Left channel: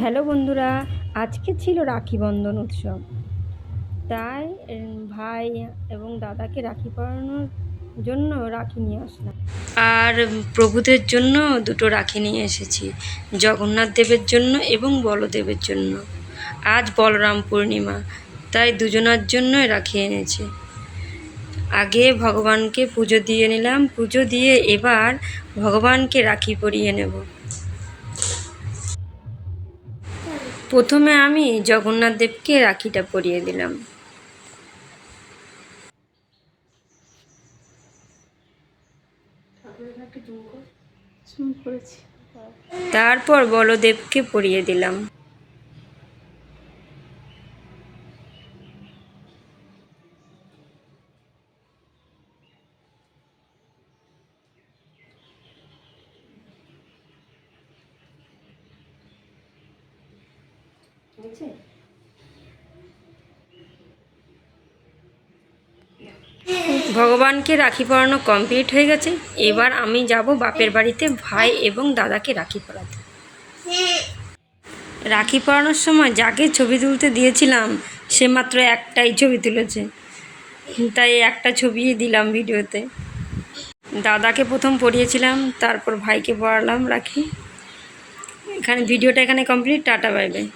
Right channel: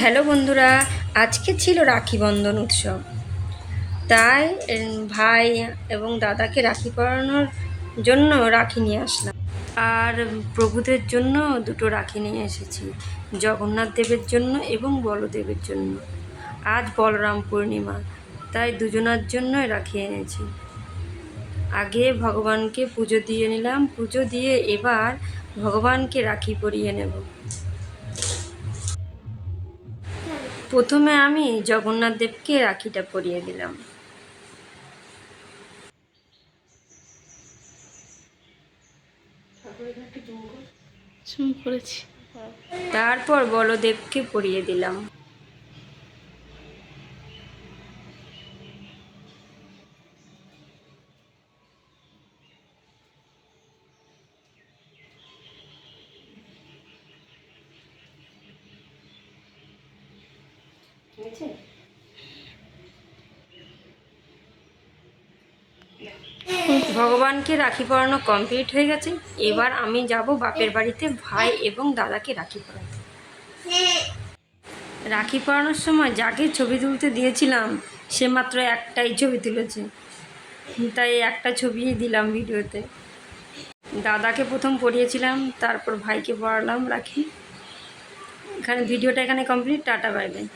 Hello বন্ধুরা, আজকে ছিল রাখি বন্ধন উৎসব। তাই ভাই এবং দাদাকে রাখি পরানোর জন্য রাখি নিয়ে আসলাম। আর প্রভুদের জন্য দুটো রাখি নিয়ে এসেছি, জগন্নাথ দেবের জন্য এবং বলদেবের জন্য। আজ বলরাম পূর্ণিমা, তাই দুজনার জন্যই রাখি এনেছি। আগে ভগবানকে পুজো দিয়ে নিলাম, পুজো দিয়ে এবার ভগবানকে রাখি পরিয়ে নেব। প্রথমে আমি জগন্নাথ দেবকে রাখিটা পরিয়ে দিলাম। করেছি। তারপর বলদেবকে পরিয়ে দিলাম। ভগবানকে রাখি পরানো কমপ্লিট হয়ে গেছে। এবার আমি যাব বাপের বাড়িতে, ভাই এবং দাদাকে রাখি পরাতে। রাখি পরানোর সময় যাকে ছবি তুলতে দিয়েছিলাম, সে মাত্র একটাই ছবি তুলেছে। তাই একটা ছবিই দিলাম ভিডিওতে। দাদাকে প্রথম পড়িয়েছিলাম, তারপর ভাইকে পড়ালাম রাখি। এখানে ভিডিওটা এখানে কমপ্লিট, টাটা, বাই বাই।